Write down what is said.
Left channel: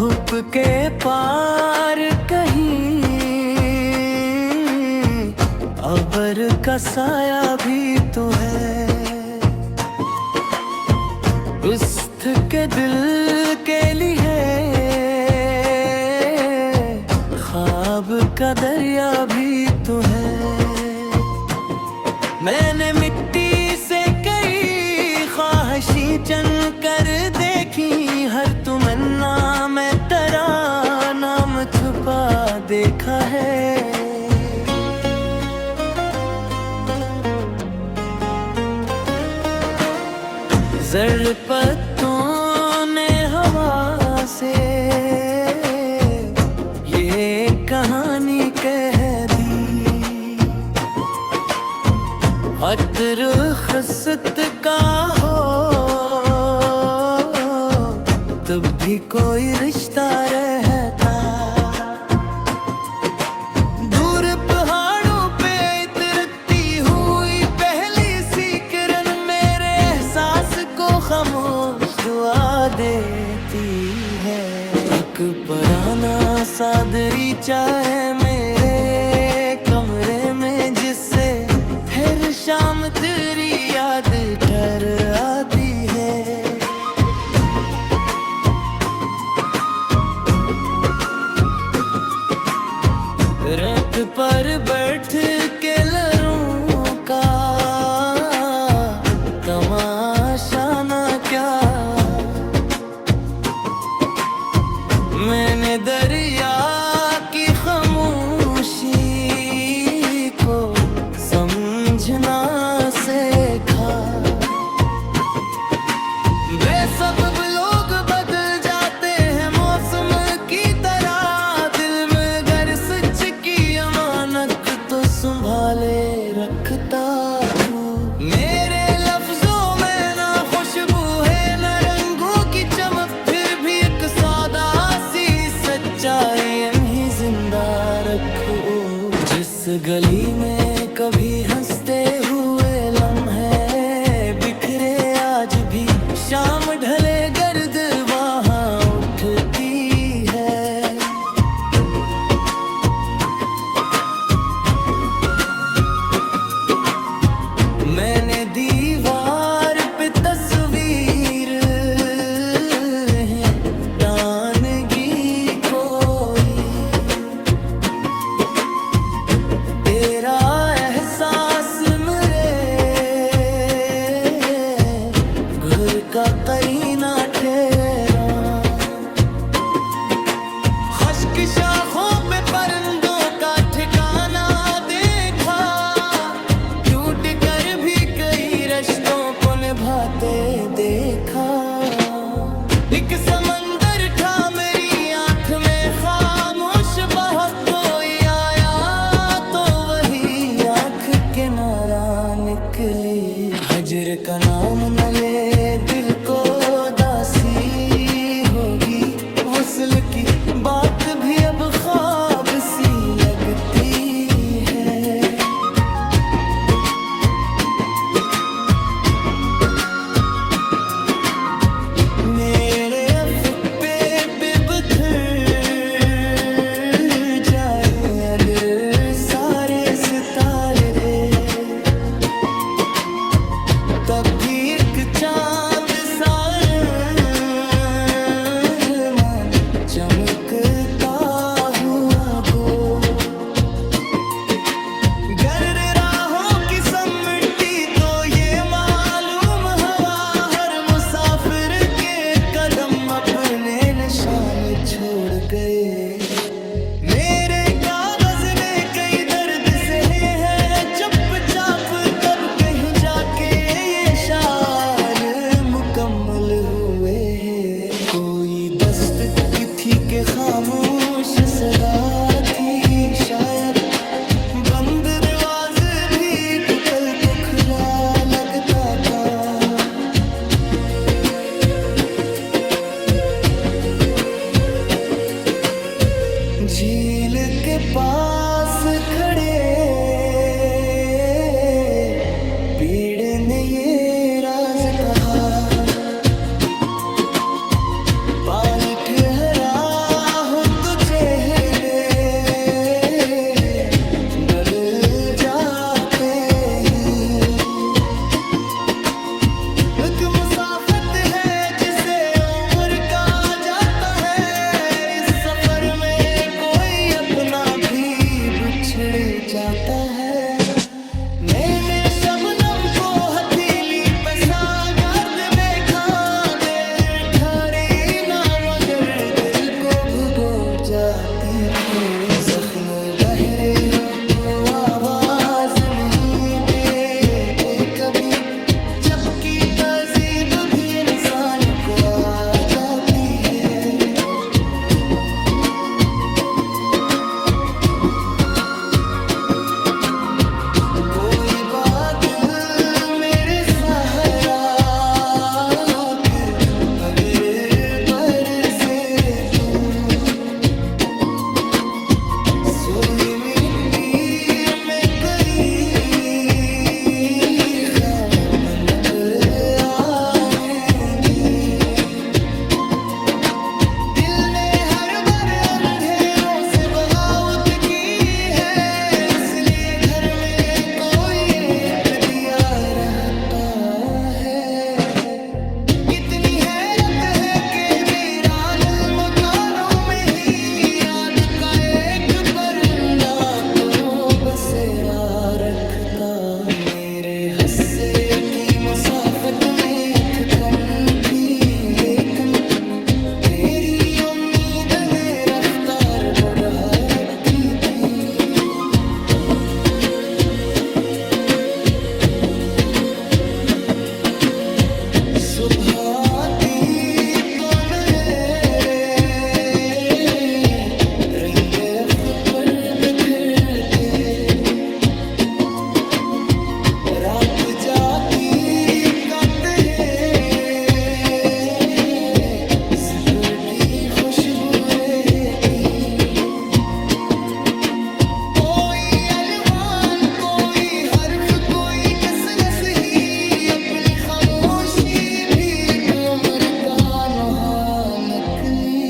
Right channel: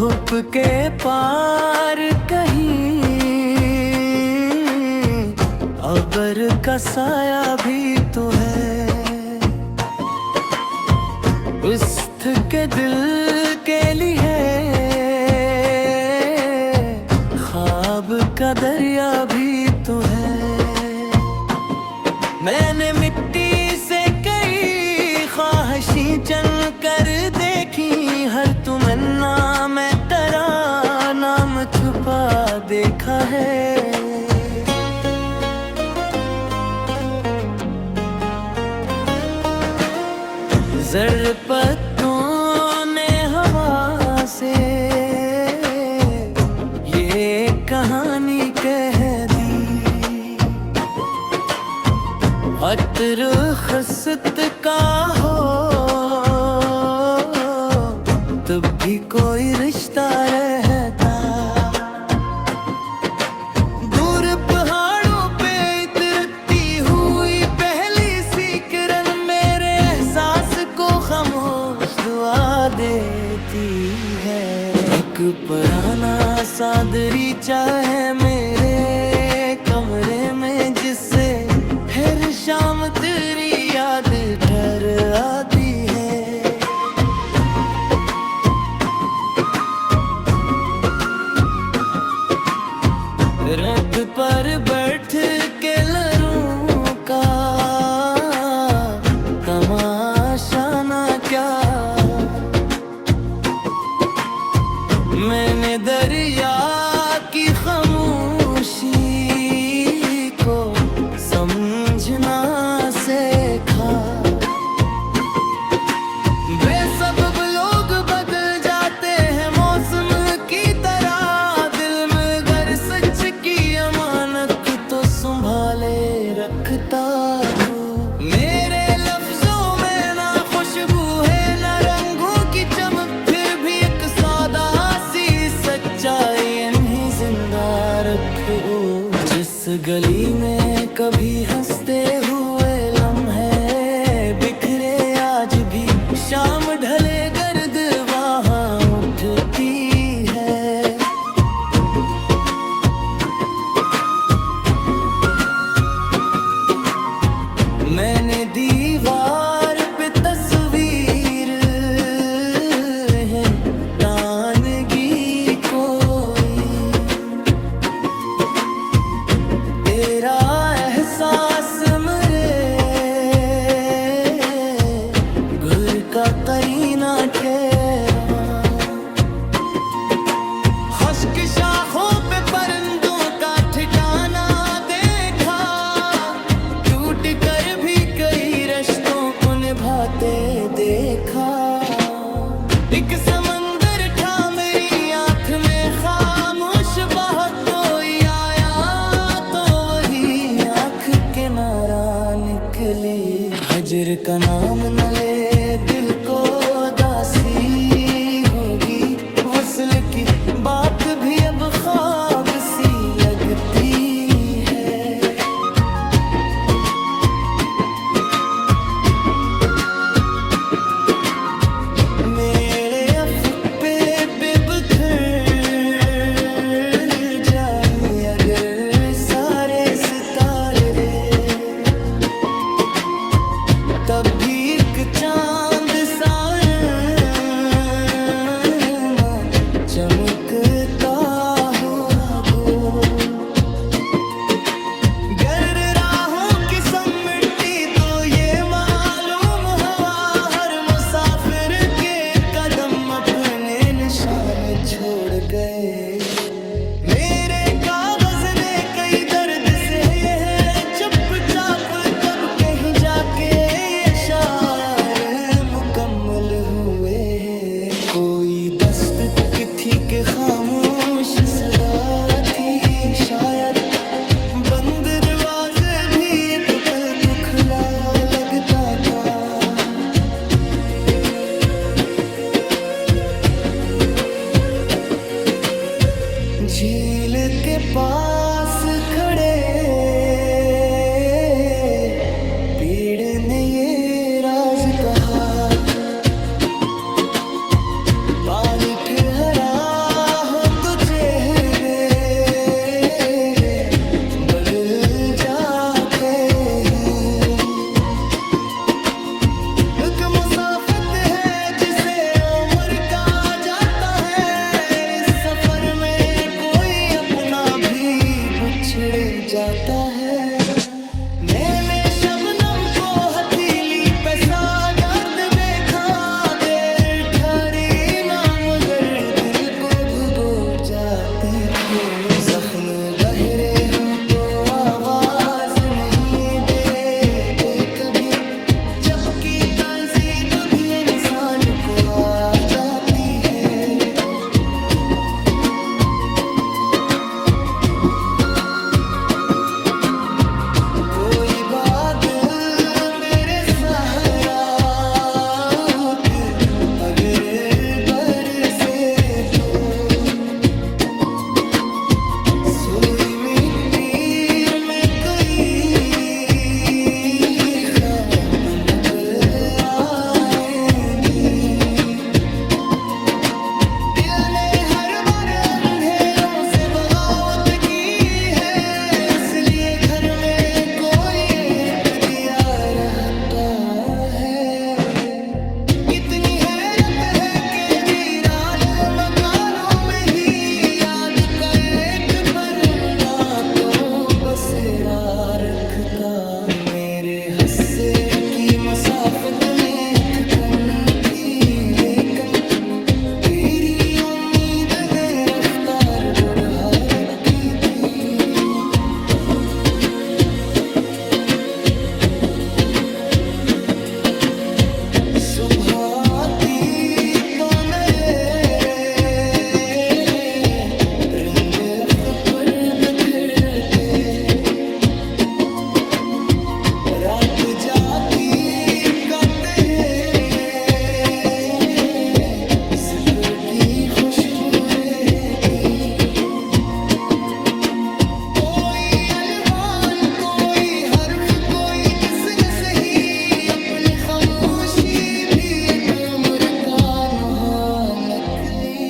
धूप के पार कहीं अबर का साया भी तो है। उस्त के दिल के लिए ख्वाब का दरिया भी तो है। मैंने मिट्टी से कई ख्वाहिशें चन कर देखी, हर तमन्ना में तेरा नाम छुपा देखा है। जर पत्तों ने हवा से ये कहानी कह दी। अतर खसत का हो तब भी कोई रिश्ता रहता। दूर पहाड़ों पे इतरती हुई पहली सी किरण मेरे एहसास को खामोश दुआ देती है। एक पुराना सा दरीचा है मेरे कमरे में, जिससे हर शाम तेरी याद ठहर आती है। रथ पर बैठ के लहरों का तमाशा ना क्या, मैंने दरिया की खामोशी को समझना सीखा। बेसबब लोग बदल जाते हैं मौसम की तरह, दिल में गर सच की अमानत तो संभाले रखता हूँ। मेरे लफ्जों में ना खुशबू है ना रंगों की चमक, फिर भी एक सादा सी सच्चाई इन्हीं जिंदा रखो। जिस गली में कभी हंसते हुए लम्हे बिखरे, आज भी शाम ढले गर्द वहाँ उठती है। मैंने दीवार पे तस्वीर है तानगी कोई, तेरा एहसास मेरे घर का करीना ठहरा। खुश्क शाखों पे परिंदों का ठिकाना देखा, टूट कर भी कई रिश्तों को निभाते देखा। एक समंदर था मेरी आंख में खामोश, बहुत कोई आया तो वही आंख किनारा निकली। हजर का नाम न ले दिल को दासी होगी, वसल की बात भी अब ख्वाब सी लगती है। मेरे अफ़्फ़े पे बिखर जाए अगर सारे सितारे रे, तब भी एक चांद सारा मान चमकता हुआ गो। गर राहों की सिमटी तो ये मालूम हवा, हर मुसाफिर के कदम अपने निशान छोड़ गए। मेरे कागज ने कई दर्द से है चुपचाप, तब कहीं जाके ये शार मुकम्मल हुए हैं। कोई दस्तक थी के खामोश सदा थी शायद, बंद दरवाजे भी एक पल को खुला लगता था। झील के पास खड़े पीड़ ने ये राज कहा, पानी ठहरा जाते ही। एक मुसाफिर है जिसे उम्र का जाता है, इस सफर में कोई अपना भी बिछड़ जाता है। मैंने शबनम को हथेली पे सागर्द देखा, देर ठहरी ना मगर दिल को भुगो जाती थी। जख्म गहरे हों तो आवाज नहीं देते कभी, जबकि तहजीब भी इंसान को आ जाती है। कोई बादल मेरे सहारा उठ, अगर बरसे तो सुई मिट्टी में कई ख्वाब निकल आएंगी। दिल ने हर बार अंधेरों से बगावत की है, इसलिए घर में कोई एक दिया रहता है। कितनी हैरत है कि वीरान मकानों में ही याद का एक परिंदा तो बसेरा रखता। मेरे हस्से की मुसाफत में ठिकन थी, लेकिन तेरी उम्मीद ने रफ्तार बढ़ा रखी थी। सुबह आती तो नए रिंगे अफ पर बिखरते, रात जाती काते जिक्र की खुशबू रहती। कोई अनवान कोई हर्फ कोई किसने सही, अपनी खामोशी भी एक उम्र का नुहा नकली।